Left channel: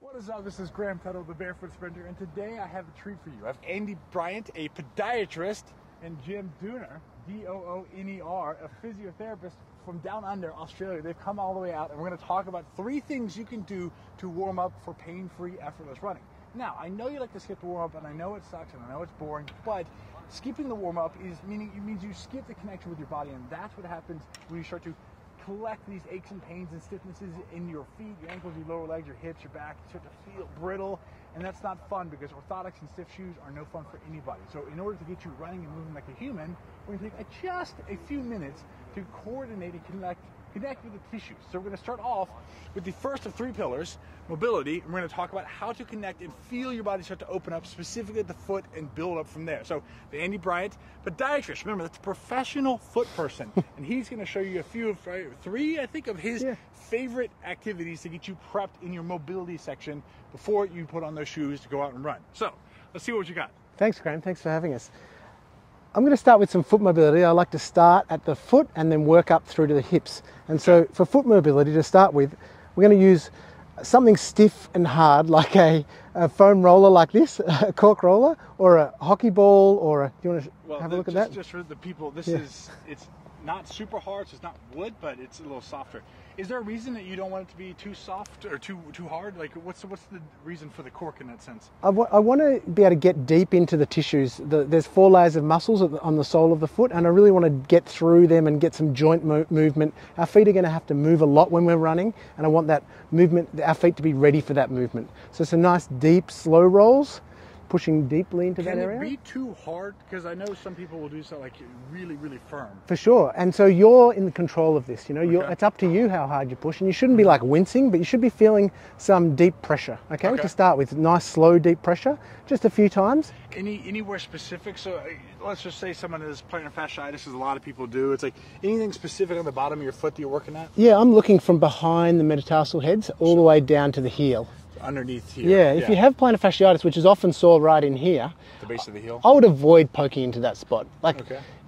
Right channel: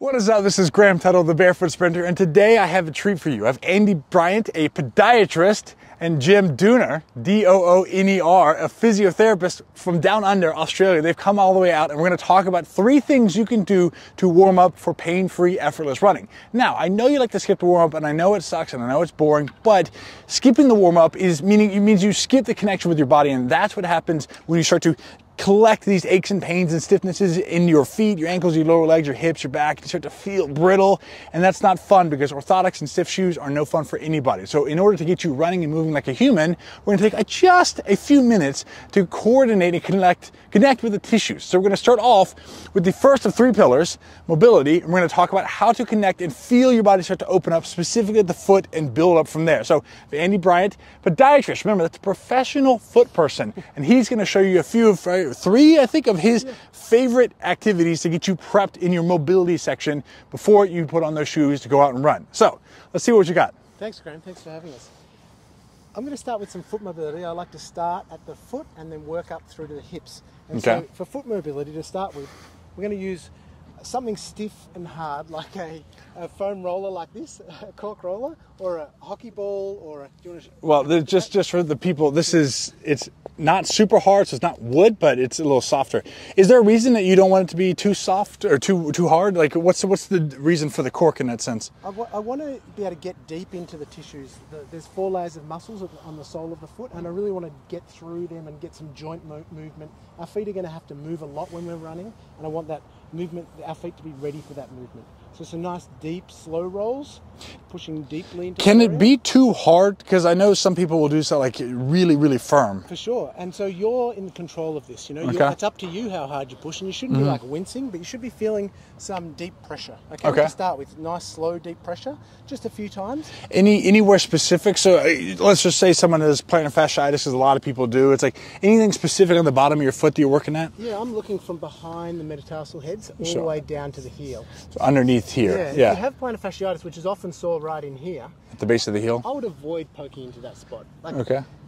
What is up? This is Graham Tuttle, the Barefoot Sprinter, and today I have a treat for you. I have Andy Bryant, a podiatrist, and Jim Dooner, D-O-O-N-E-R, a physiotherapist from down under Australia. They've come all the way out, and we're going to talk about 3 things you can do to warm up for pain-free, effortless running. Now, I know you like to skip the warm-up, and I know it sucks, and I know it's boring, but skipping the warm-up means you skip the connection with your body, and that's what happens when you start to collect these aches and pains and stiffnesses in your feet, your ankles, your lower legs, your hips, your back. You start to feel brittle, and that's not fun because orthotics and stiff shoes are no fun for anybody. So in order to get you running and moving like a human, we're gonna take just a few minutes to coordinate and connect with the tissues. So we're gonna start off with the first of 3 pillars, mobility, and we're gonna talk about how to connect and feel your body start to open up, specifically at the foot, and build up from there. So Andy Bryant, podiatrist, remember that's a professional foot person, and he's gonna show you a few of 3, I think, of his favorite activities to get you prepped in your mobility section before you put on those shoes to go out and run. So let's see what you got. Thanks, Graham. Thanks for having us. I'm going to start with some foot mobility. I like to start at the foot and then work up through to the hips. And so for foot mobility to start with, we're going to use something stiff and hard like a foam roller like this, a cork roller, or a hockey ball, or a... Do you want to well, just for the people, this is, it's not super hard, so it's not wood, but it's a little softer. Is there a reason that you don't want it to be too soft or too hard? Like, what's the reason for the cork in that sense? I want to be able to get deep into the tissues. There's 4 layers of muscles on the sole of the foot, and I really want to get through them and get some joint movement. Our feet are going to have to move a lot when we're running, and I want that movement, our feet to be ready for that movement. So some nice deep, slow rolls, pushing deeply into Can that it area. be too hard? Because I know some people will do so like really, really firm. For sure. And so you're in control of this, you know. Okay. It's up to you how hard you push, and you shouldn't be like wincing, but you should be feeling some deep pressure, okay? To start with, nice, slow, deep pressure, just a few times. Anywhere specific? So let's just say someone has plantar fasciitis, as a lot of people do. It's like anything specific on the bottom of your foot that you're working at? Yeah, I'm looking from behind the metatarsal heads all the way down to the heel. So underneath here. Yeah, if you have plantar fasciitis, which is often sore right in here, the base of the heel? I would avoid poking into that spot. Like,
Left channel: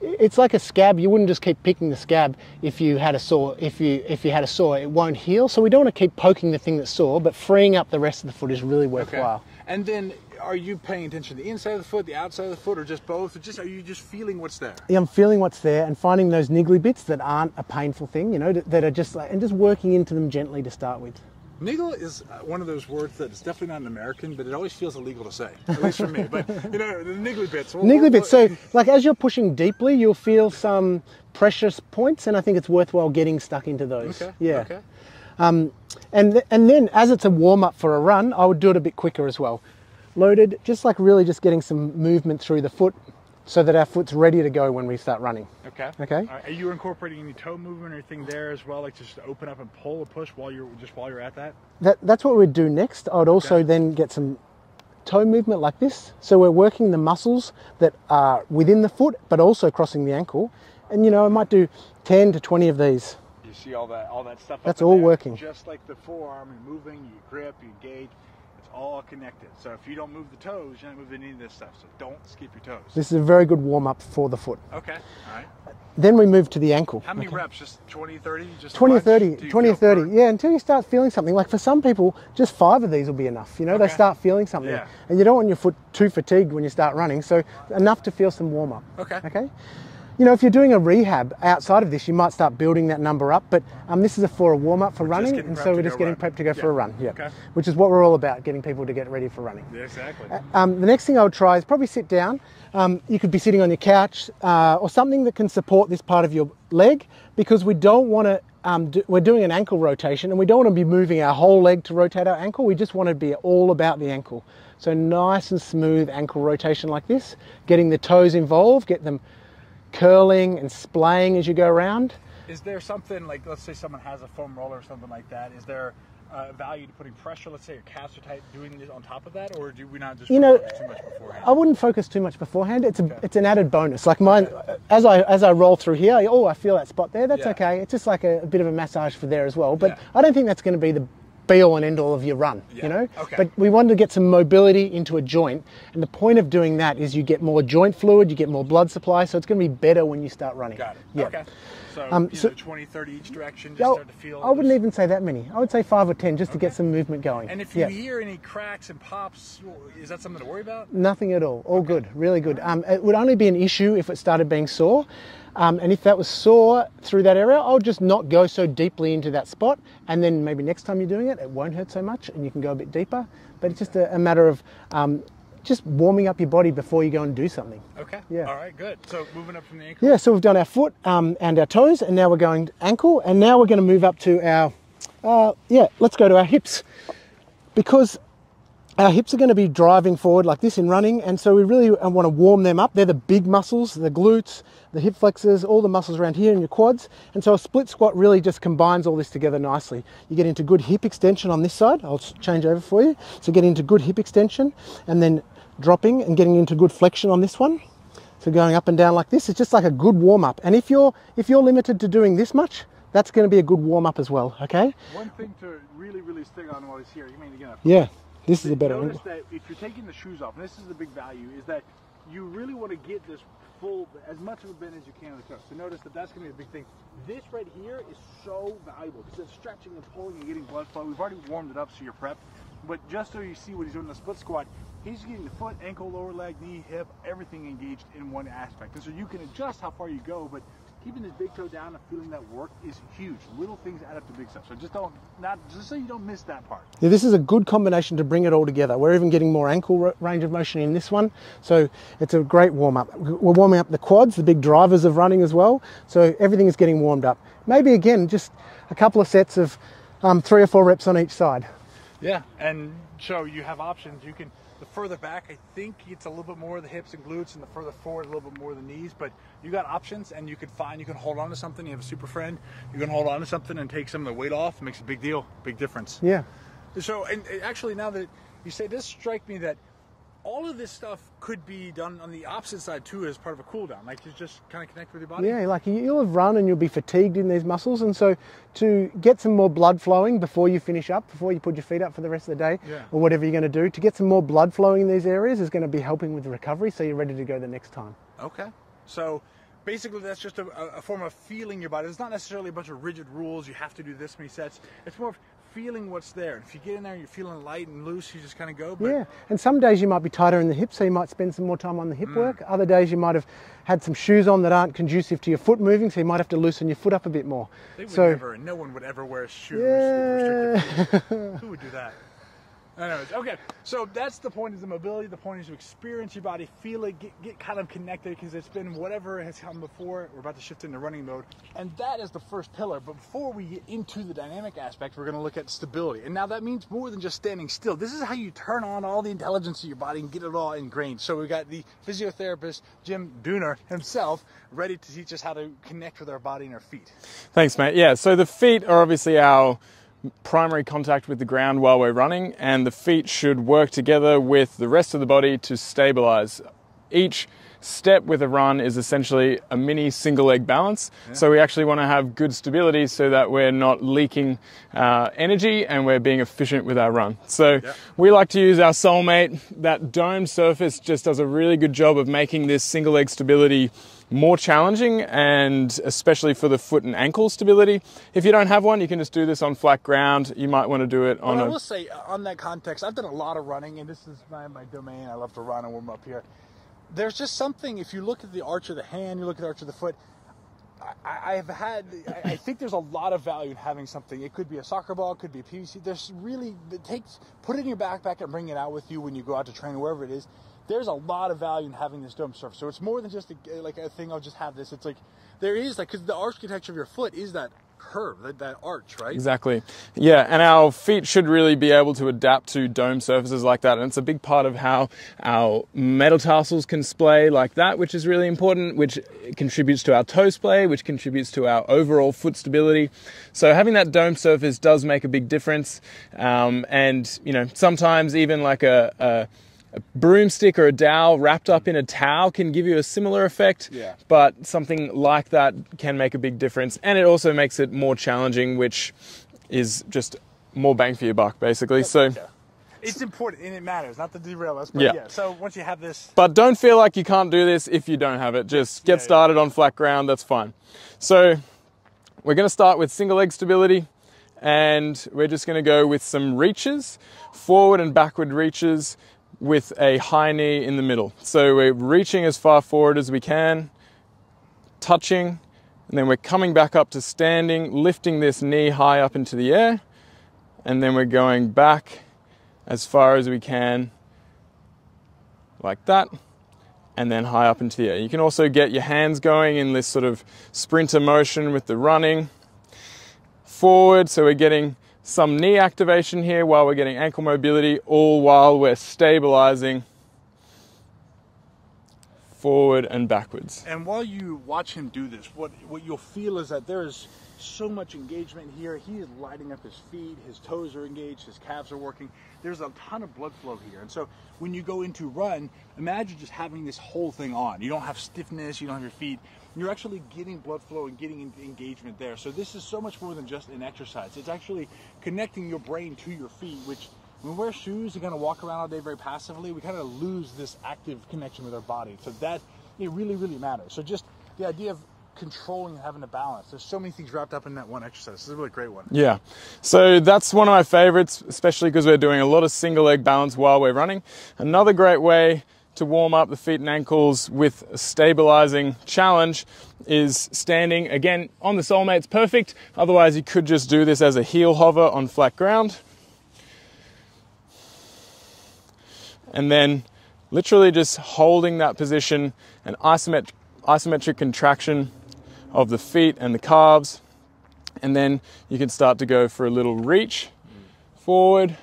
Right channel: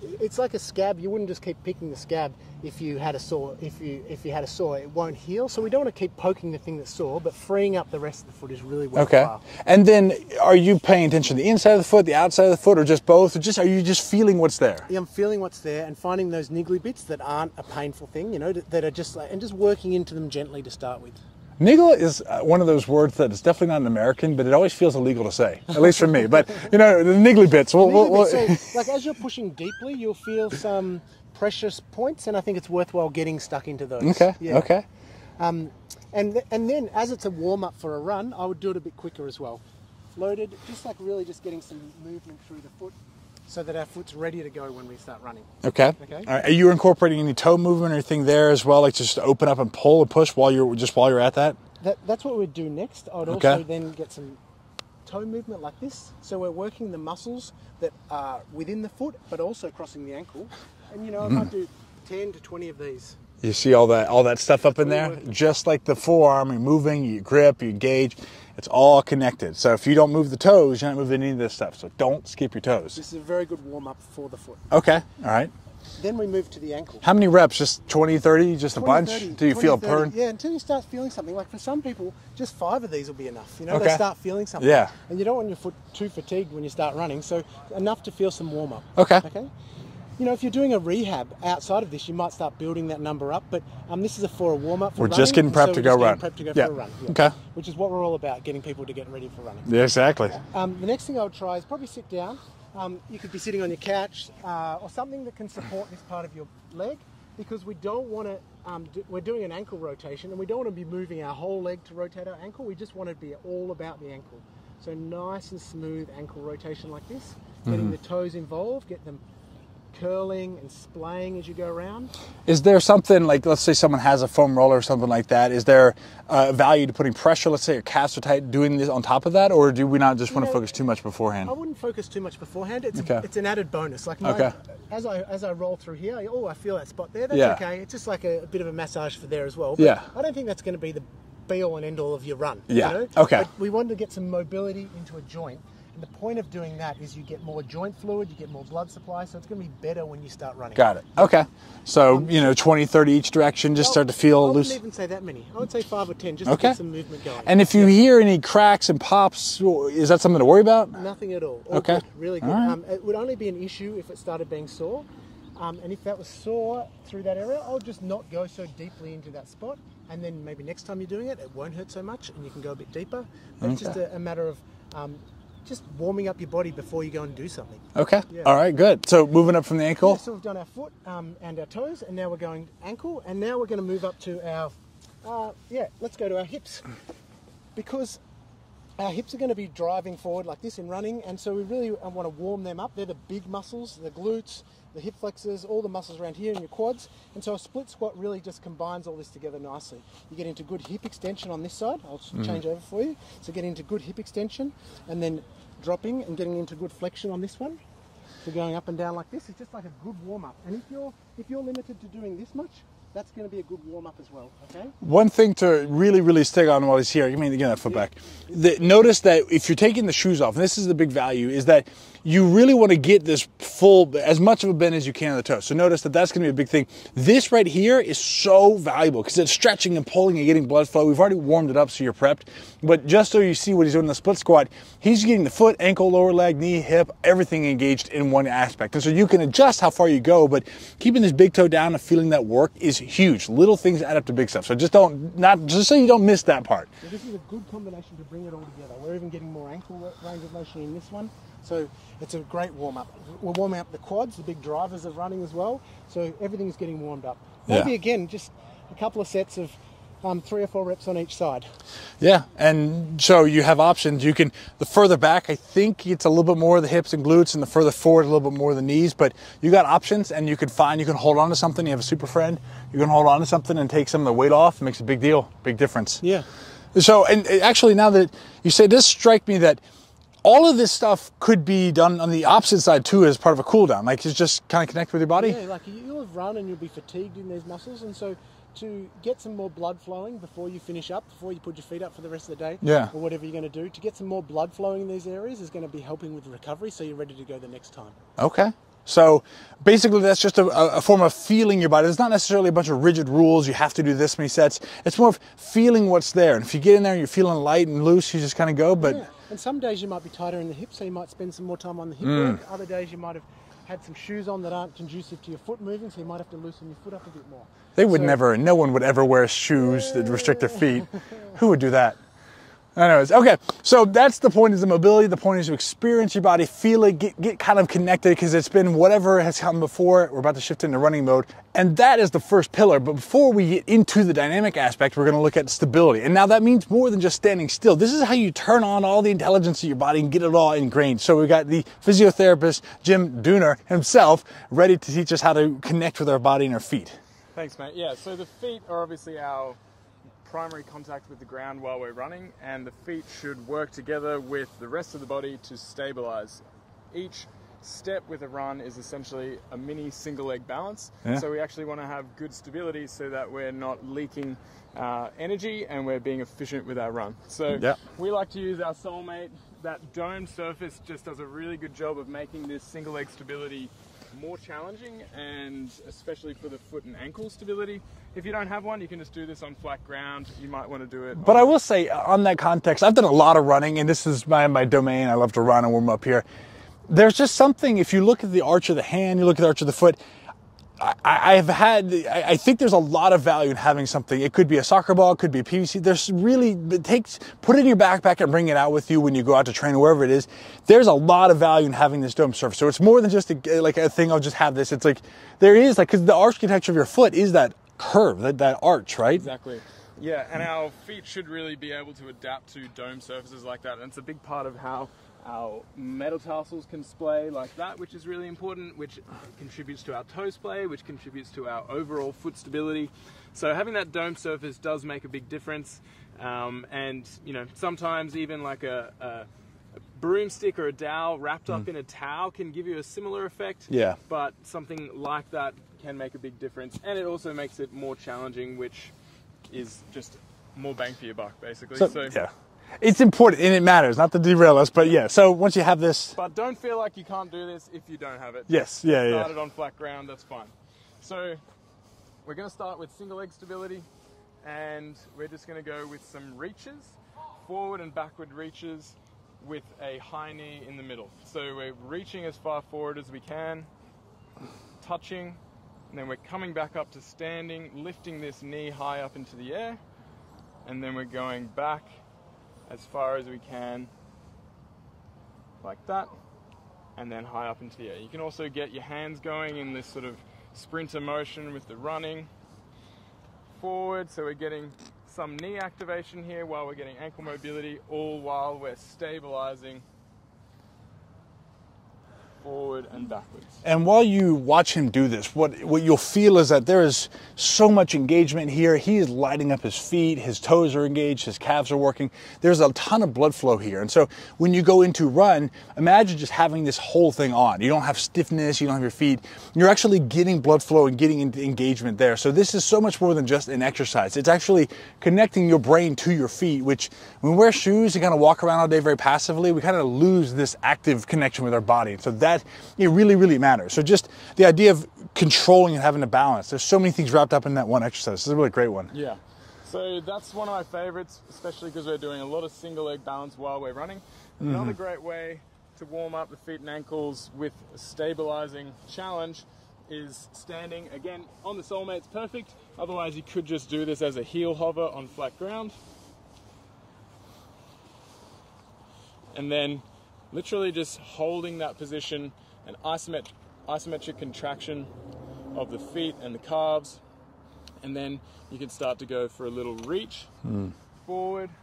it's like a scab. You wouldn't just keep picking the scab if you had a sore. If you had a sore, it won't heal. So we don't want to keep poking the thing that's sore, but freeing up the rest of the foot is really worthwhile. Okay. And then, are you paying attention to the inside of the foot, the outside of the foot, or just both? Or just are you just feeling what's there? Yeah, I'm feeling what's there and finding those niggly bits that aren't a painful thing. You know, that are just like, and just working into them gently to start with. Niggle is one of those words that is definitely not an American, but it always feels illegal to say, at least for me. But, you know, the niggly bits. So, like, as you're pushing deeply, you'll feel some precious points, and I think it's worthwhile getting stuck into those. Okay, yeah. okay. And then, as it's a warm-up for a run, I would do it a bit quicker as well. Loaded, just like really just getting some movement through the foot, so that our foot's ready to go when we start running. Okay. Okay. All right. Are you incorporating any toe movement or anything there as well, like just to open up and pull and push while you're at that? That's what we'd do next. I would also then get some toe movement like this. So we're working the muscles that are within the foot, but also crossing the ankle. And you know, I might do 10 to 20 of these. You see all that stuff up in all there? Working. Just like the forearm, you're moving, you grip, you engage. It's all connected. So if you don't move the toes, you're not moving any of this stuff. So don't skip your toes. This is a very good warm-up for the foot. Okay, all right. Then we move to the ankle. How many reps? Just 20, 30? Just 20, a bunch? 30. Do you 20, feel 30. burn? Yeah, until you start feeling something. Like for some people, just 5 of these will be enough. You know, they start feeling something. Yeah. And you don't want your foot too fatigued when you start running, so enough to feel some warm-up. Okay. Okay? You know, if you're doing a rehab outside of this, you might start building that number up, but this is for a warm-up for running. We're just getting prepped to go run. Prepped to go for a run, yeah. Okay. Which is what we're all about, getting people to get ready for running. Yeah, exactly. The next thing I would try is probably sit down. You could be sitting on your couch or something that can support this part of your leg, because we don't want to, we're doing an ankle rotation and we don't want to be moving our whole leg to rotate our ankle. We just want to be all about the ankle. So nice and smooth ankle rotation like this, getting the toes involved, get them curling and splaying as you go around. Is there something, like, let's say someone has a foam roller or something like that, is there value to putting pressure, let's say your calves are tight, doing this on top of that, or do we not just want to focus too much beforehand? I wouldn't focus too much beforehand. It's an added bonus. Like as I roll through here, I feel that spot there, that's okay. It's just like a bit of a massage for there as well. But I don't think that's going to be the be-all and end-all of your run. Yeah. You know? Okay. But we wanted to get some mobility into a joint, and the point of doing that is you get more joint fluid, you get more blood supply, so it's going to be better when you start running. Got it. Yeah. Okay. So, you know, 20, 30 each direction, just start to feel I loose. wouldn't even say that many. I would say 5 or 10 just to get some movement going. And if you hear any cracks and pops, is that something to worry about? Nothing at all. All Okay. good. Really good. All right. It would only be an issue if it started being sore. And if that was sore through that area, I'll just not go so deeply into that spot. And then maybe next time you're doing it, it won't hurt so much and you can go a bit deeper. But it's just a matter of just warming up your body before you go and do something. Okay. Yeah. All right, good. So moving up from the ankle? Yeah, so we've done our foot and our toes, and now we're going ankle, and now we're going to move up to our, let's go to our hips. Because our hips are going to be driving forward like this in running, and so we really want to warm them up. They're the big muscles, the glutes, the hip flexors, all the muscles around here in your quads. And so a split squat really just combines all this together nicely. You get into good hip extension on this side. I'll change over for you. So get into good hip extension, and then dropping and getting into good flexion on this one. So going up and down like this, it's just like a good warm up. And if you're limited to doing this much, that's going to be a good warm up as well, okay? One thing to really stick on while he's here, you mean, again, that foot back. Notice that if you're taking the shoes off, and this is the big value, is that you really want to get this full, as much of a bend as you can on the toe. So notice that that's going to be a big thing. This right here is so valuable because it's stretching and pulling and getting blood flow. We've already warmed it up so you're prepped. But just so you see what he's doing in the split squat, he's getting the foot, ankle, lower leg, knee, hip, everything engaged in one aspect. And so you can adjust how far you go, but keeping this big toe down and feeling that work is huge. Little things add up to big stuff. So just so you don't miss that part. Yeah, this is a good combination to bring it all together. We're even getting more ankle range of motion in this one. So it's a great warm up. We're warming up the quads, the big drivers of running as well. So everything is getting warmed up. Maybe again, just a couple of sets of 3 or 4 reps on each side. Yeah, and so you have options. You can, the further back, I think it's a little bit more of the hips and glutes, and the further forward, a little bit more of the knees, but you got options, and you can hold on to something. You have a super friend, you can hold on to something and take some of the weight off. It makes a big deal, big difference. Yeah. So, and actually now that you say this, strike me that all of this stuff could be done on the opposite side too as part of a cool down. Like it's just kind of connect with your body. Yeah, like you'll have run and you'll be fatigued in these muscles, and so to get some more blood flowing before you finish up, before you put your feet up for the rest of the day, or whatever you're going to do, to get some more blood flowing in these areas is going to be helping with the recovery, so you're ready to go the next time. Okay. So basically that's just a form of feeling your body. It's not necessarily a bunch of rigid rules. You have to do this many sets. It's more of feeling what's there. And if you get in there and you're feeling light and loose, you just kind of go. But yeah. And some days you might be tighter in the hips, so you might spend some more time on the hip work. Other days you might have had some shoes on that aren't conducive to your foot moving, so you might have to loosen your foot up a bit more. They would never, no one would ever wear shoes that restrict their feet. Who would do that? Anyways, okay, so that's the point, is the mobility. The point is to experience your body, feel it, get kind of connected, because it's been whatever has come before. We're about to shift into running mode, and that is the first pillar. But before we get into the dynamic aspect, we're going to look at stability. And now that means more than just standing still. This is how you turn on all the intelligence of your body and get it all ingrained. So we've got the physiotherapist, Jim Dooner himself, ready to teach us how to connect with our body and our feet. Thanks, mate. Yeah, so the feet are obviously our primary contact with the ground while we're running, and the feet should work together with the rest of the body to stabilize. Each step with a run is essentially a mini single leg balance. So we actually want to have good stability so that we're not leaking energy and we're being efficient with our run. So we like to use our soulmate. That domed surface just does a really good job of making this single leg stability more challenging, and especially for the foot and ankle stability. If you don't have one, you can just do this on flat ground. You might want to do it on I will say, on that context, I've done a lot of running, and this is my domain. I love to run and warm up here. There's just something, if you look at the arch of the hand, you look at the arch of the foot, I think there's a lot of value in having something. It could be a soccer ball, it could be a PVC. There's really, put it in your backpack and bring it out with you when you go out to train, wherever it is. There's a lot of value in having this dome surface. So it's more than just a thing, I'll just have this. It's like, there is, because the architecture of your foot is that curve, that arch, right? Exactly. Yeah, and our feet should really be able to adapt to dome surfaces like that, and it's a big part of how our metatarsals can splay like that, which is really important, which contributes to our toe splay, which contributes to our overall foot stability. So having that dome surface does make a big difference, and you know, sometimes even like a broomstick or a dowel wrapped up in a towel can give you a similar effect, but something like that can make a big difference, and it also makes it more challenging, which is just more bang for your buck, basically. So yeah. It's important and it matters, not to derail us, but yeah. So once you have this. But don't feel like you can't do this if you don't have it. Just get started on flat ground, that's fine. So we're going to start with single leg stability, and we're just going to go with some reaches, forward and backward reaches with a high knee in the middle. So we're reaching as far forward as we can, touching, and then we're coming back up to standing, lifting this knee high up into the air, and then we're going back as far as we can, like that, and then high up into the air. You can also get your hands going in this sort of sprinter motion with the running. Forward, so we're getting some knee activation here while we're getting ankle mobility, all while we're stabilizing forward and backwards. And while you watch him do this, what you'll feel is that there is so much engagement here. He is lighting up his feet, his toes are engaged, his calves are working. There's a ton of blood flow here. And so when you go into run, imagine just having this whole thing on. You don't have stiffness, you don't have your feet. You're actually getting blood flow and getting into engagement there. So this is so much more than just an exercise. It's actually connecting your brain to your feet, which when we wear shoes and kind of walk around all day very passively, we kind of lose this active connection with our body. So that, it really, really matters. So just the idea of controlling and having a balance. There's so many things wrapped up in that one exercise. This is a really great one. Yeah. So that's one of my favorites, especially because we're doing a lot of single leg balance while we're running. Another great way to warm up the feet and ankles with a stabilizing challenge is standing. Again, on the Soulmate's perfect. Otherwise, you could just do this as a heel hover on flat ground. And then literally just holding that position, an isometric contraction of the feet and the calves. And then you can start to go for a little reach forward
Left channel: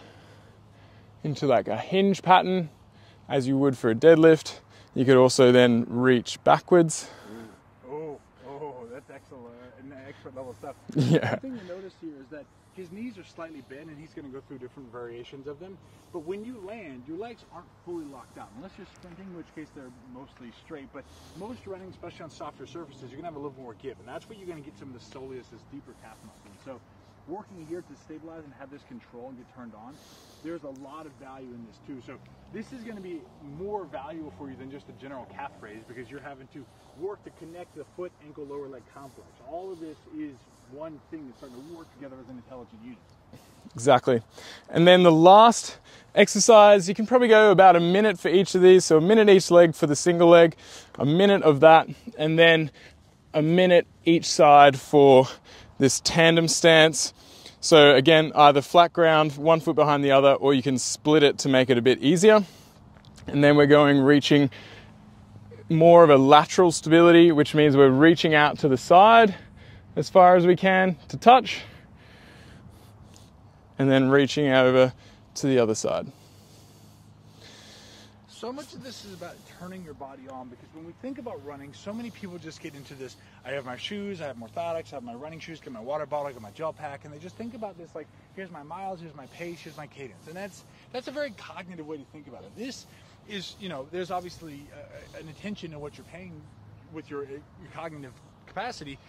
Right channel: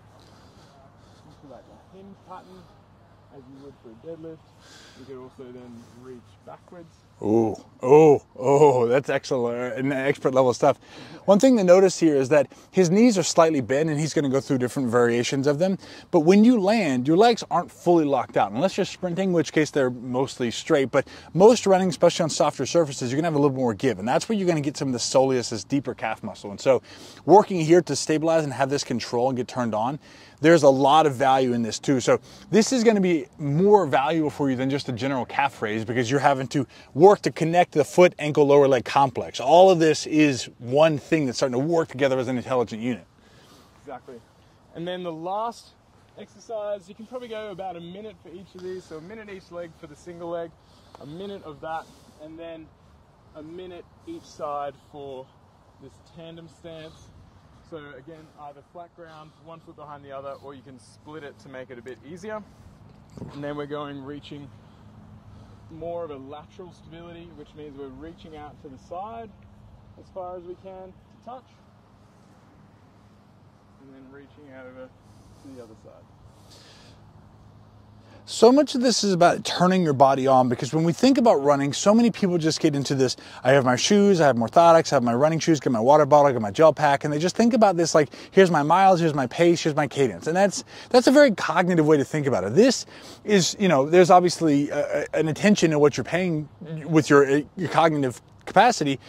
into like a hinge pattern as you would for a deadlift. You could also then reach backwards. That's excellent and expert level stuff. Yeah. One thing to notice here is that his knees are slightly bent and he's going to go through different variations of them. But when you land, your legs aren't fully locked out, unless you're sprinting, in which case they're mostly straight. But most running, especially on softer surfaces, you're going to have a little more give. And that's where you're going to get some of the soleus, this deeper calf muscle. And so working here to stabilize and have this control and get turned on, there's a lot of value in this too. So this is going to be more valuable for you than just a general calf raise, because you're having to work to connect the foot, ankle, lower leg complex. All of this is one thing that's starting to work together as an intelligent unit. Exactly. And then the last exercise, you can probably go about a minute for each of these. So a minute each leg for the single leg, a minute of that, and then a minute each side for this tandem stance. So again, either flat ground, one foot behind the other, or you can split it to make it a bit easier. And then we're reaching more of a lateral stability, which means we're reaching out to the side as far as we can to touch, and then reaching over to the other side. So much of this is about turning your body on, because when we think about running, so many people just get into this, I have my shoes, I have my orthotics, I have my running shoes, get my water bottle, get my gel pack, and they just think about this like, here's my miles, here's my pace, here's my cadence. And that's a very cognitive way to think about it. This is, there's obviously an attention to what you're paying with your cognitive capacity,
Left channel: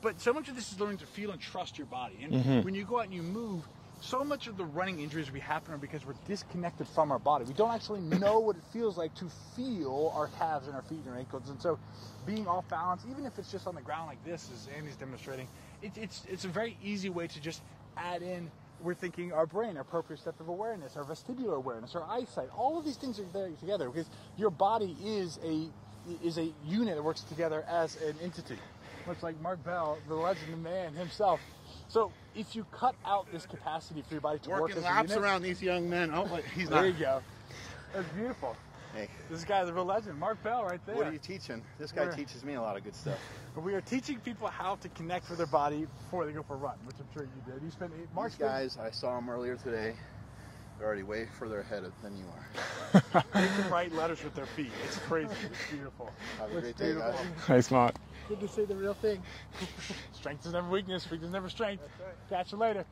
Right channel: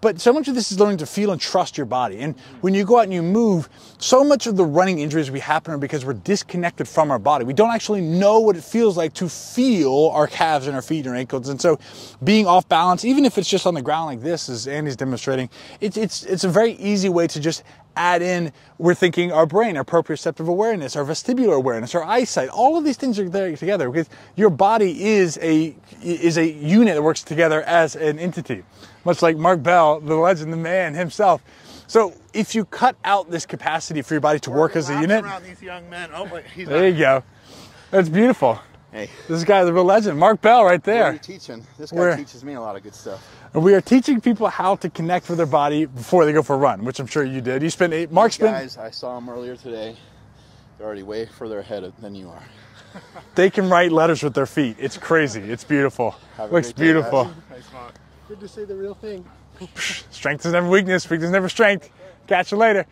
but so much of this is learning to feel and trust your body. And when you go out and you move, so much of the running injuries we happen are because we're disconnected from our body. We don't actually know what it feels like to feel our calves and our feet and our ankles. And so being off balance, even if it's just on the ground like this, as Andy's demonstrating, it's a very easy way to just add in, we're thinking our brain, our proprioceptive awareness, our vestibular awareness, our eyesight, all of these things are there together, because your body is a unit that works together as an entity. Much like Mark Bell, the legend, the man himself. So if you cut out this capacity for your body to work as a unit, around these young men. Oh, there you go. That's beautiful. Hey, this guy's the real legend, Mark Bell, right there. What are you teaching? This guy teaches me a lot of good stuff. We are teaching people how to connect with their body before they go for a run, which I'm sure you did. You spent guys, I saw them earlier today. They're already way further ahead than you are. They can write letters with their feet. It's crazy. It's beautiful. Looks beautiful. Nice, Mark. Good to see the real thing. Strength is never weakness, weakness is never strength. Catch you later.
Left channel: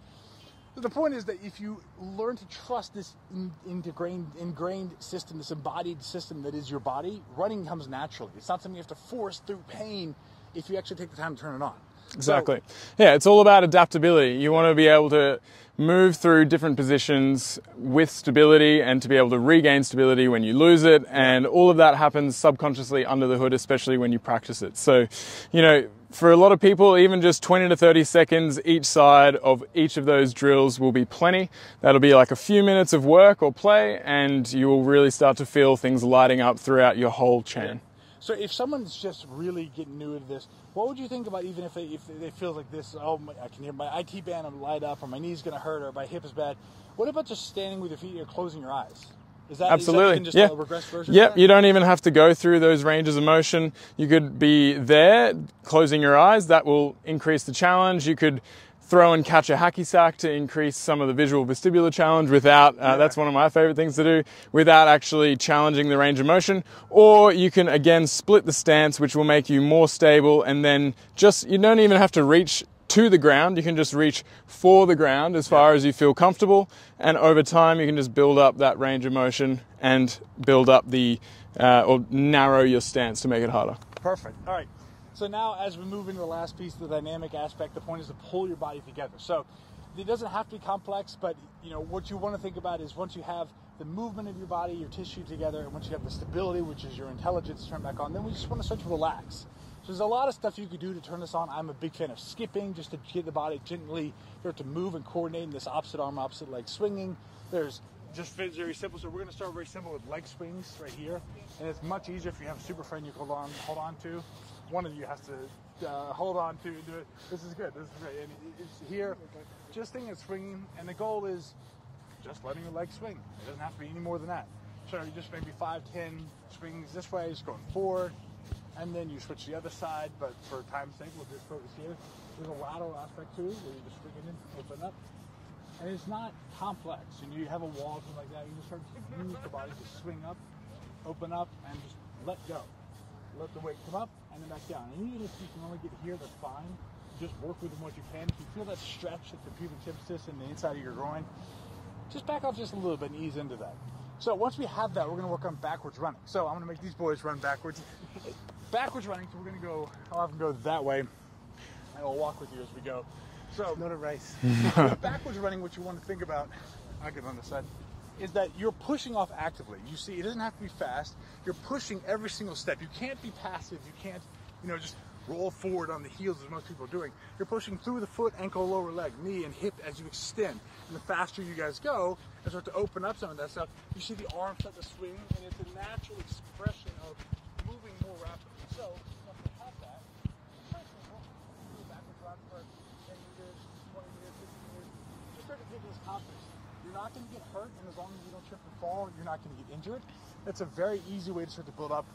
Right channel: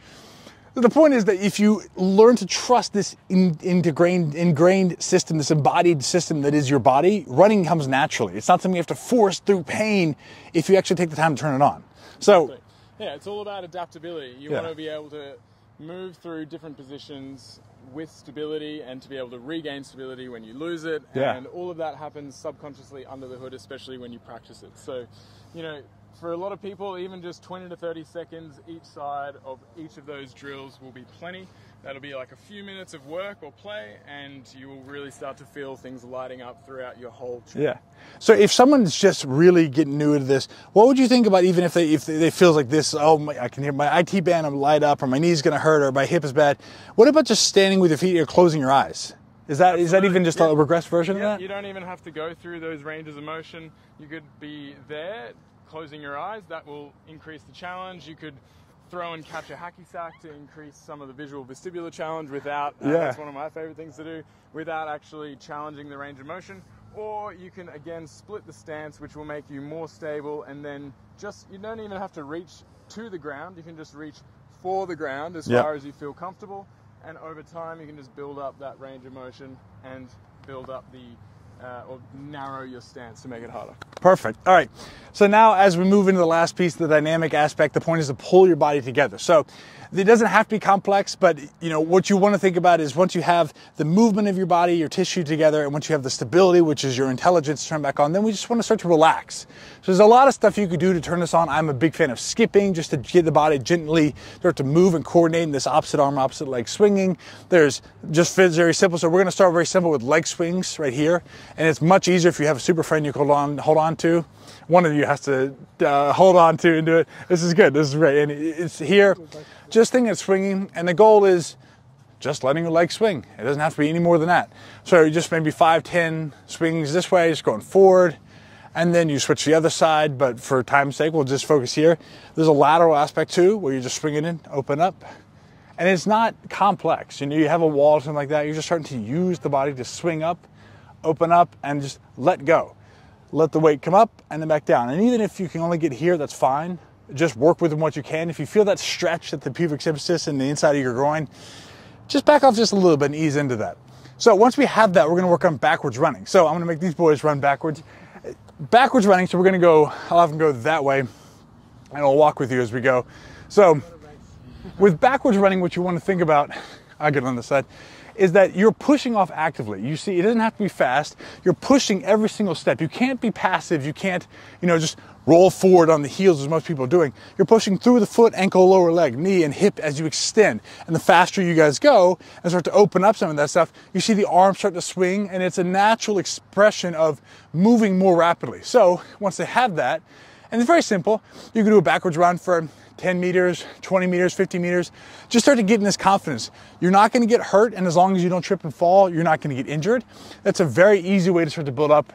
The point is that if you learn to trust this ingrained system, this embodied system that is your body, running comes naturally. It's not something you have to force through pain if you actually take the time to turn it on. Exactly. So, yeah, it's all about adaptability. You want to be able to move through different positions with stability and to be able to regain stability when you lose it. Yeah. And all of that happens subconsciously under the hood, especially when you practice it. So, you know, for a lot of people, even just 20 to 30 seconds each side of each of those drills will be plenty. That'll be like a few minutes of work or play, and you will really start to feel things lighting up throughout your whole chain. Yeah. So if someone's just really getting new to this, what would you think about even if they feels like this, oh, I can hear my IT band light up, or my knee's going to hurt, or my hip is bad? What about just standing with your feet or closing your eyes? Is that even just a regressed version of that? You don't even have to go through those ranges of motion. You could be there, closing your eyes. That will increase the challenge. You could throw and catch a hacky sack to increase some of the visual vestibular challenge without, that's one of my favorite things to do, without actually challenging the range of motion. Or you can, again, split the stance, which will make you more stable, and then you don't even have to reach to the ground. You can just reach for the ground as far as you feel comfortable, and over time you can just build up that range of motion and build up or narrow your stance to make it harder. Perfect. All right. So now as we move into the last piece, the dynamic aspect, the point is to pull your body together. So it doesn't have to be complex, but you know what you want to think about is once you have the movement of your body, your tissue together, and once you have the stability, which is your intelligence turned back on, then we just want to start to relax. So there's a lot of stuff you could do to turn this on. I'm a big fan of skipping, just to get the body gently start to move and coordinate in this opposite arm, opposite leg swinging. There's just very simple. So we're going to start very simple with leg swings right here, and it's much easier if you have a super friend you can hold on to. One of you has to hold on to and do it. This is good. This is great. And it's here, just thinking of swinging. And the goal is just letting your leg swing. It doesn't have to be any more than that. So just maybe 5, 10 swings this way, just going forward. And then you switch to the other side. But for time's sake, we'll just focus here. There's a lateral aspect too, where you're just swinging in, open up. And it's not complex. You know, you have a wall or something like that. You're just starting to use the body to swing up, open up, and just let go. Let the weight come up and then back down. And even if you can only get here, that's fine. Just work with what you can. If you feel that stretch at the pubic symphysis and the inside of your groin, just back off just a little bit and ease into that. So once we have that, we're gonna work on backwards running. So I'm gonna make these boys run backwards. Backwards running, so we're gonna go, I'll have them go that way, and I'll walk with you as we go. So with backwards running, what you wanna think about, I'll get on this side, is that you're pushing off actively. You see, it doesn't have to be fast. You're pushing every single step. You can't be passive. You can't, just roll forward on the heels as most people are doing. You're pushing through the foot, ankle, lower leg, knee, and hip as you extend. And the faster you guys go and start to open up some of that stuff, you see the arms start to swing, and it's a natural expression of moving more rapidly. So once they have that, and it's very simple, you can do a backwards run for 10 meters, 20 meters, 50 meters. Just start to get in this confidence. You're not gonna get hurt, and as long as you don't trip and fall, you're not gonna get injured. That's a very easy way to start to build up.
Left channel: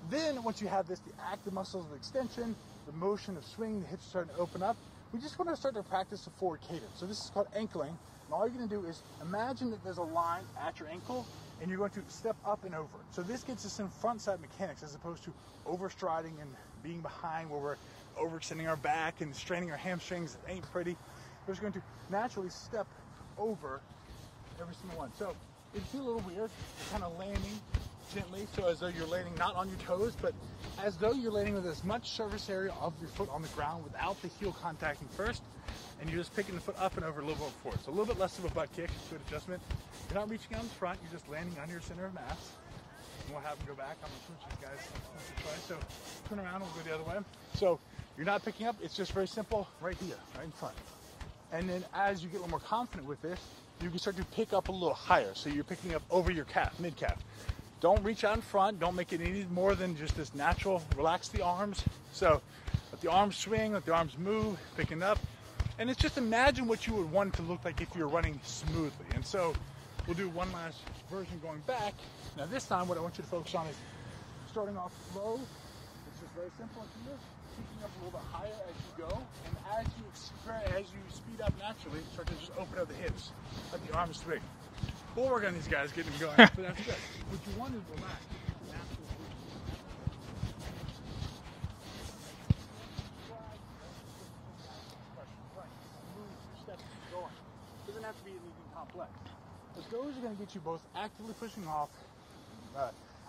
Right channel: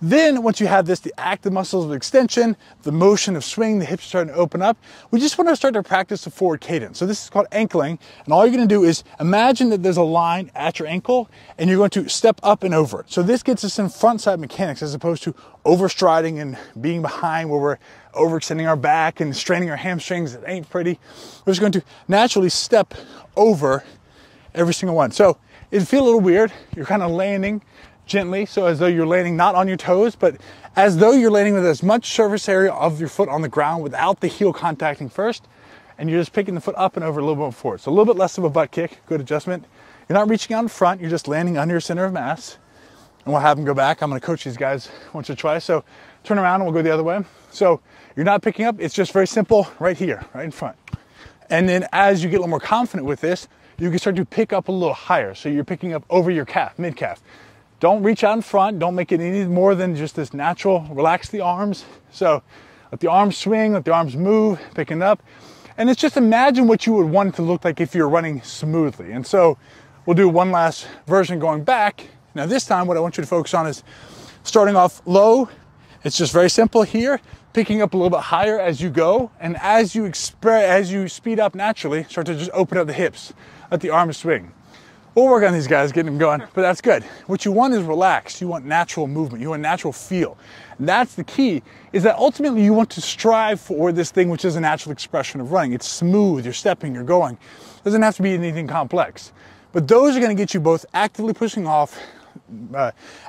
Then once you have this, the active muscles of extension, the motion of swing, the hips are starting to open up, we just wanna start to practice the forward cadence. So this is called ankling, and all you're gonna do is imagine that there's a line at your ankle, and you're going to step up and over it. So this gets us in front side mechanics as opposed to overstriding and being behind where we're overextending our back and straining our hamstrings. It ain't pretty. We're just going to naturally step over every single one. So it'd feel a little weird. You're kind of landing gently, so as though you're landing not on your toes, but as though you're landing with as much surface area of your foot on the ground without the heel contacting first, and you're just picking the foot up and over a little bit forward. So a little bit less of a butt kick, good adjustment. You're not reaching out in front, you're just landing under your center of mass. And we'll have them go back. I'm gonna coach these guys once or twice. So turn around and we'll go the other way. So you're not picking up, it's just very simple right here, right in front. And then as you get a little more confident with this, you can start to pick up a little higher. So you're picking up over your calf, mid-calf. Don't reach out in front, don't make it any more than just this natural, relax the arms. So let the arms swing, let the arms move, picking up. And it's just imagine what you would want it to look like if you're running smoothly. And so we'll do one last version going back. Now this time what I want you to focus on is starting off low. It's just very simple here, picking up a little bit higher as you go. And as you speed up naturally, start to just open up the hips, let the arms swing. We'll work on these guys, getting them going, but that's good. What you want is relaxed. You want natural movement. You want natural feel. And that's the key, is that ultimately you want to strive for this thing which is a natural expression of running. It's smooth, you're stepping, you're going. It doesn't have to be anything complex. But those are gonna get you both actively pushing off,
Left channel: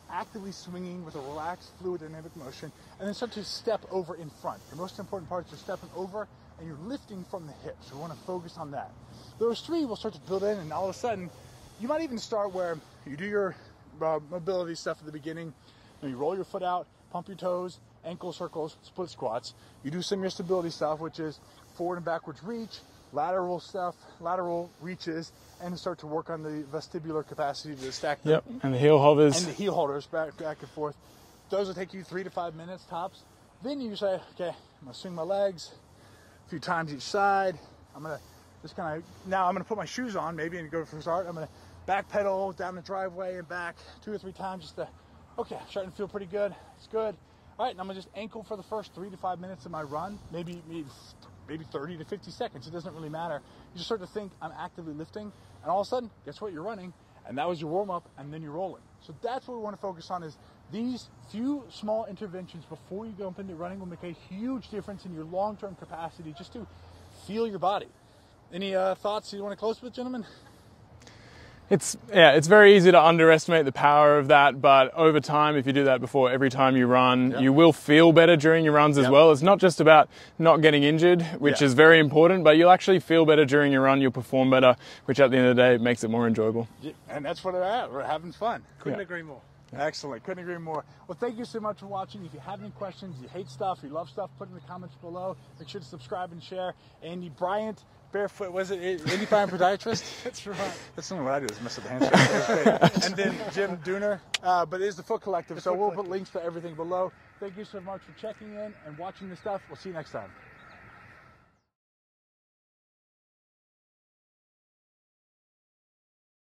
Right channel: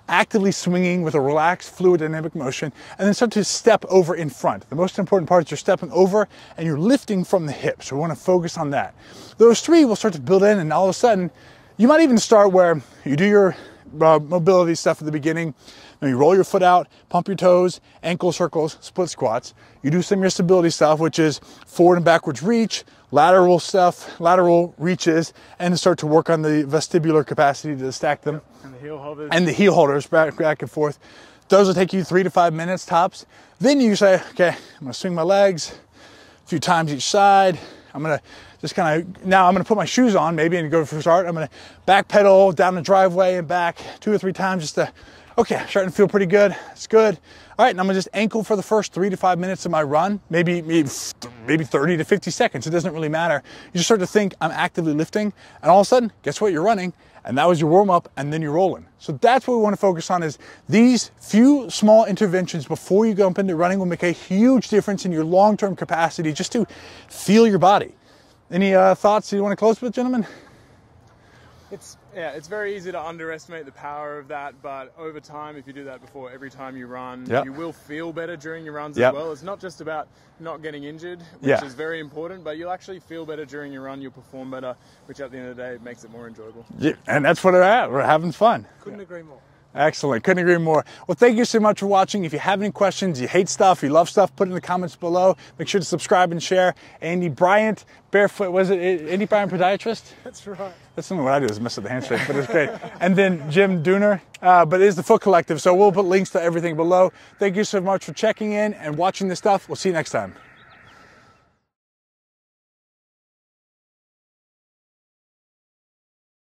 actively swinging with a relaxed fluid dynamic motion, and then start to step over in front. The most important part is you're stepping over and you're lifting from the hip, so we want to focus on that. Those three will start to build in, and all of a sudden you might even start where you do your mobility stuff at the beginning. You roll your foot out, pump your toes, ankle circles, split squats. You do some of your stability stuff, which is forward and backwards reach, lateral stuff, lateral reaches, and start to work on the vestibular capacity to stack them. Yep. And the heel hovers. And the heel holders back and forth. Those will take you 3 to 5 minutes tops. Then you say, okay, I'm gonna swing my legs a few times each side. I'm gonna just kind of, now I'm gonna put my shoes on maybe and go for a start. I'm gonna back pedal down the driveway and back 2 or 3 times just to, okay, starting to feel pretty good. It's good. All right, and I'm gonna just ankle for the first 3 to 5 minutes of my run, maybe 30 to 50 seconds. It doesn't really matter. You just start to think I'm actively lifting, and all of a sudden, guess what? You're running, and that was your warm up, and then you're rolling. So that's what we want to focus on, is these few small interventions before you jump into running will make a huge difference in your long-term capacity just to feel your body. Any thoughts you want to close with, gentlemen? It's very easy to underestimate the power of that, but over time, if you do that before every time you run, Yep. you will feel better during your runs as Yep. well. It's not just about not getting injured, which Yeah. is very important, but you'll actually feel better during your run, you'll perform better, which at the end of the day makes it more enjoyable. Yeah, and that's what we're at. We're having fun. Couldn't agree more. Excellent. Couldn't agree more. Well, thank you so much for watching. If you have any questions, you hate stuff, you love stuff, put it in the comments below. Make sure to subscribe and share. Andy Bryant, Barefoot, was it Andy Bryant Podiatrist? That's right. That's what I do is mess with the handshake, but it's great. And then Jim Dooner, but it is the Foot Collective, so we'll put links to everything below. Thank you so much for checking in and watching this stuff. We'll see you next time.